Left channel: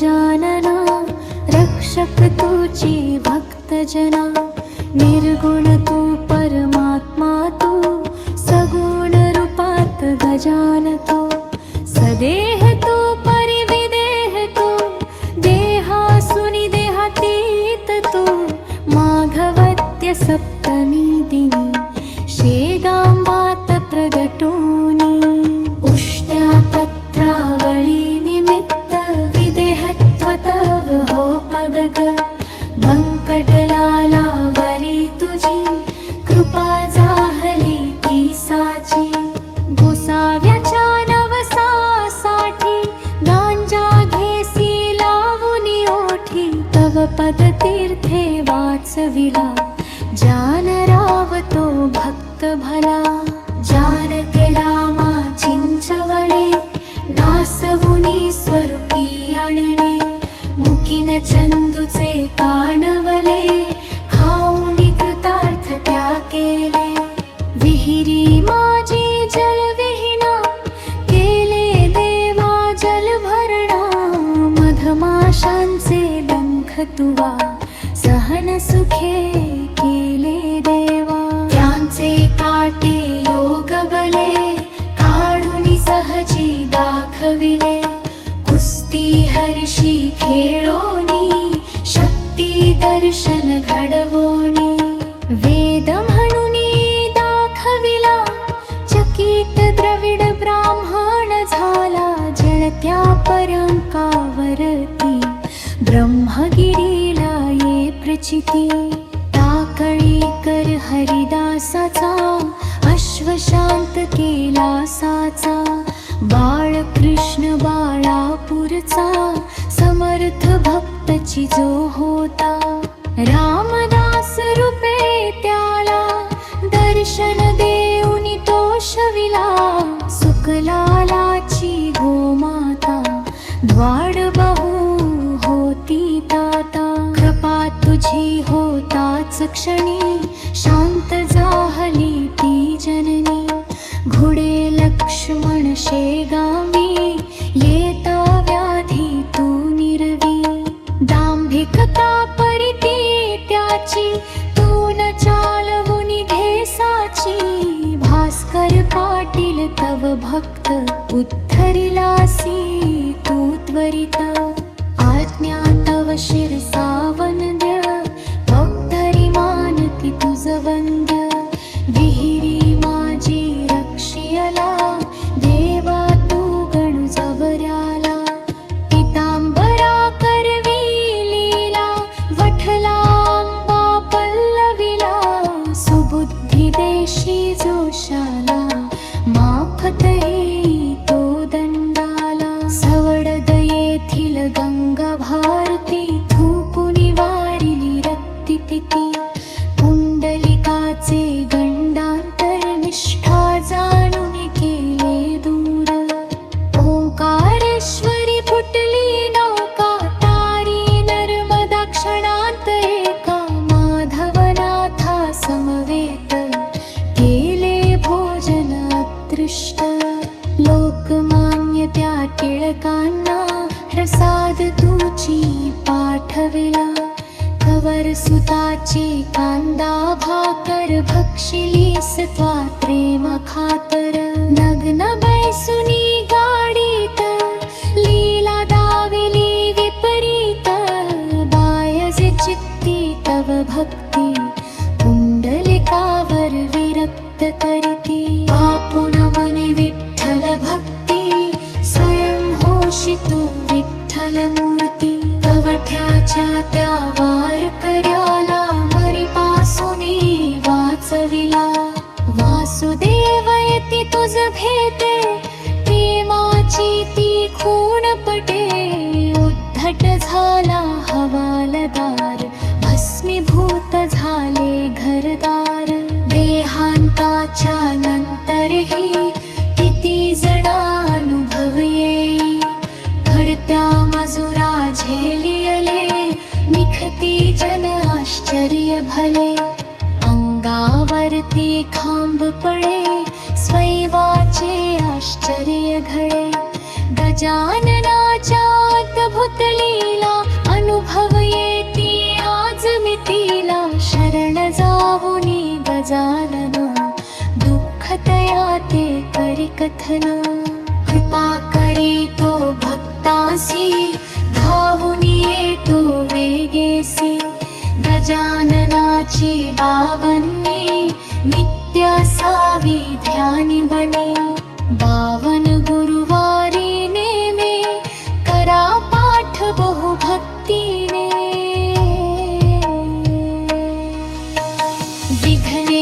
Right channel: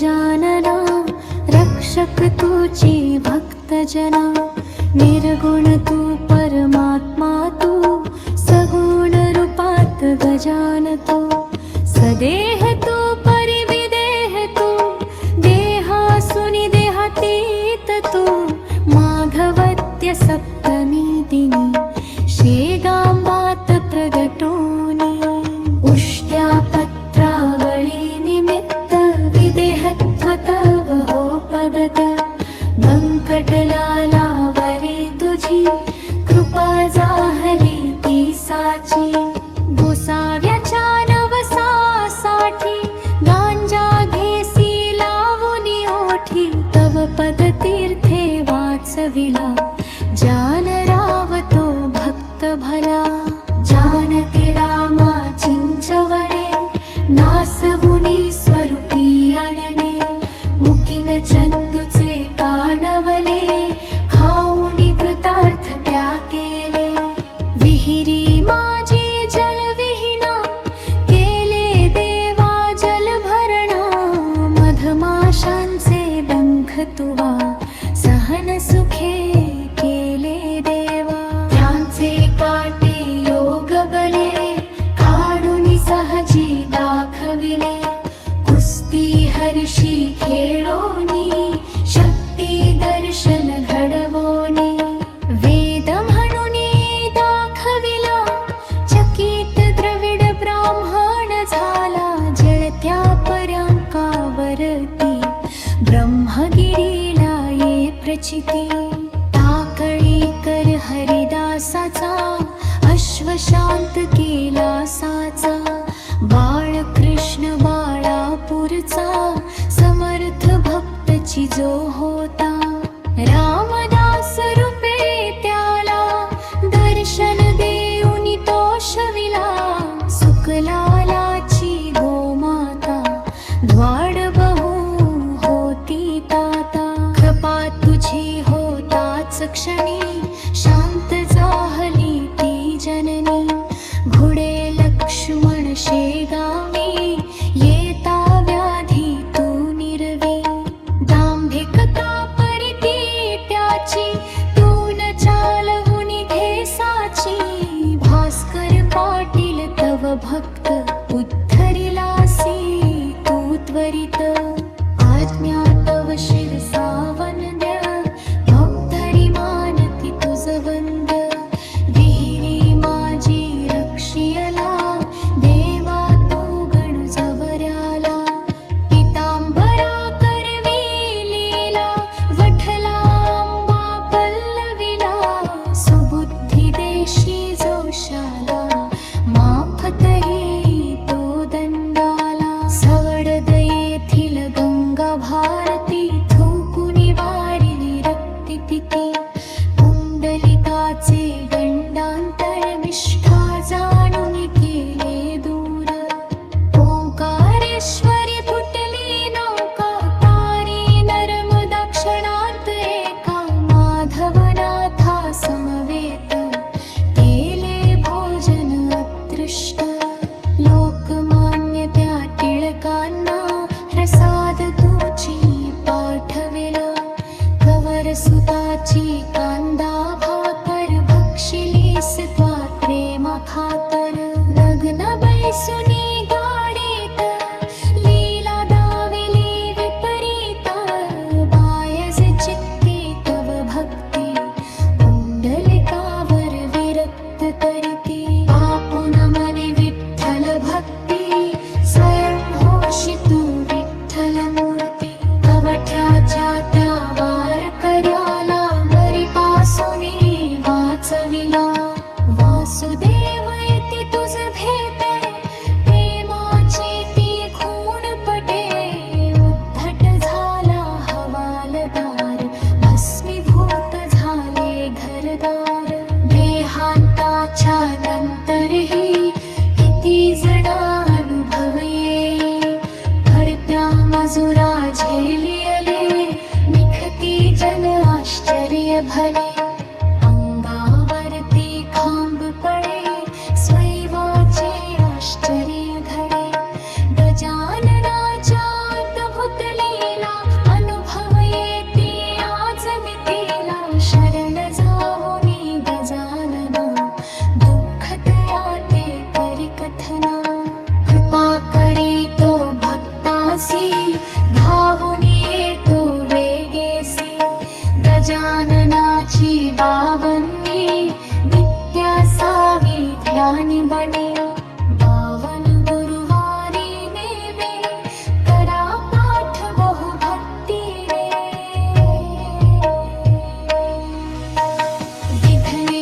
गजानना रक्षक तुझे भक्तजना निर्गुण तू परमात्मा तू सगुण रूपात गजान तू सदेह तू परिविदेह तू देहासुनि देहातीत तू माघवत्य सप्तमी दिनी शेगांबात प्रगटोनी उष्ट्या पत्रावळी निमित्त विदेहत्व तव हो पदग व्यंकटलालावरी तुझी कृपा जाहली ती साची गोसाव्याच्या नवसासाठी गांजा घेसी लावुनी ओठी तव पदतीर्थे वाचविला जानराव तो भक्त भला जानते रामा चिंचवणे नासवुनी स्वरूपी आणणे मुकीन चंदूचे कानवले खाऊनी कृतार्थ त्या केले विहिरी माझी जलविहीना केले देवा जल भरणा मधमाशांचे डंख तुवा सहन सुखे केले देवा त्यांचे काटे योग बले काढूनी सहजी दाखविले कुस्ती हरिशी खेळोनी शक्ती दर्शन घडवोनी वेद म्हणूनी दाखविला चकित द्रविड ब्राह्मण झाला जळत्या पर्यंकावरती ब्रह्मगिरीला ये प्रचिती टाकळी कर हरिदासाचा अश्वशांत केला साचा बाळकृष्ण बाळापूरचा समर्थ भक्तची जो होता रामदास रूपे त्याला दर्शन देऊनी तो शविला सुकलालाची गोमाता द्वाड बहु होती ताता कृपा तुझी होताच क्षणी शांत जाहली ती जननी घोडे लक्ष्मण शेगावी येता व्याधी तू निर्वी दांभिकता परिती त्याची तू न चालवुनी घेसाची भास्कर पाटील तव भक्त उद्धरिलासी तू त्वरित आज्ञा तव शिरसा वंद्य भक्तरी मानती तुझ वंद्य विहिरी माझी रक्षियला देवा तू गणु जवऱ्याला पितांबरा करवी लीला वठलांबा पल्लविला सुबुद्धी देशी जोशाला माफतही तो दंडाला सवडद येथील गंगा भारती थुंकुनी वारिली रक्तितिकी पुंडलिकाचे गंडांतर निष्ठा जाणून केले दूर ओंकारेश्वरी फुटली नौका तारी नर्मदा क्षणांत एका माधवनाथा समवेत केले भोजन अदृष्ट लोकमान्य त्या टिळकांना प्रसाद तुची पाठविला कवर सुताची कांदा भाकर भक्षिलीस त्वा प्रेमा खातर नग्न बैसुनी गाडीत लीला दाविली विपरीत बायजे चित्ती तव भक्ती पुंडलिकावर विरक्त करीती बापुना मने विठ्ठल भक्ती स्वयं होशी तू विठ्ठल मूर्ती कवठ्याच्या त्या वार कर्याला मरीपासुनी वाचविला वासुदेवयती तुझ भेटे प्रेमाची ती खूण पटे उद्धट झाला हवालदार भस्मीभूत झाले घरदार देहांताच्या नंतरही किती जणानुभव येई घडत्या मजुरा झेलियले निखती जन आश्चर्य भले अंगावरती खांब पडे स्वैवाचे आश्चर्य घडे गजाननाच्या अद्भुत लीला शरण जाऊनी गजानना, दुःख तया ते करी कथना. कृपा करी तो भक्तासी, धावूनी येतो वेगेसी. गजाननाची बावन्नी, नित्य असावी ध्यानी बनी. 52 गुरुवारी नेमे, करा पाठ बहु भक्तीने. विघ्ने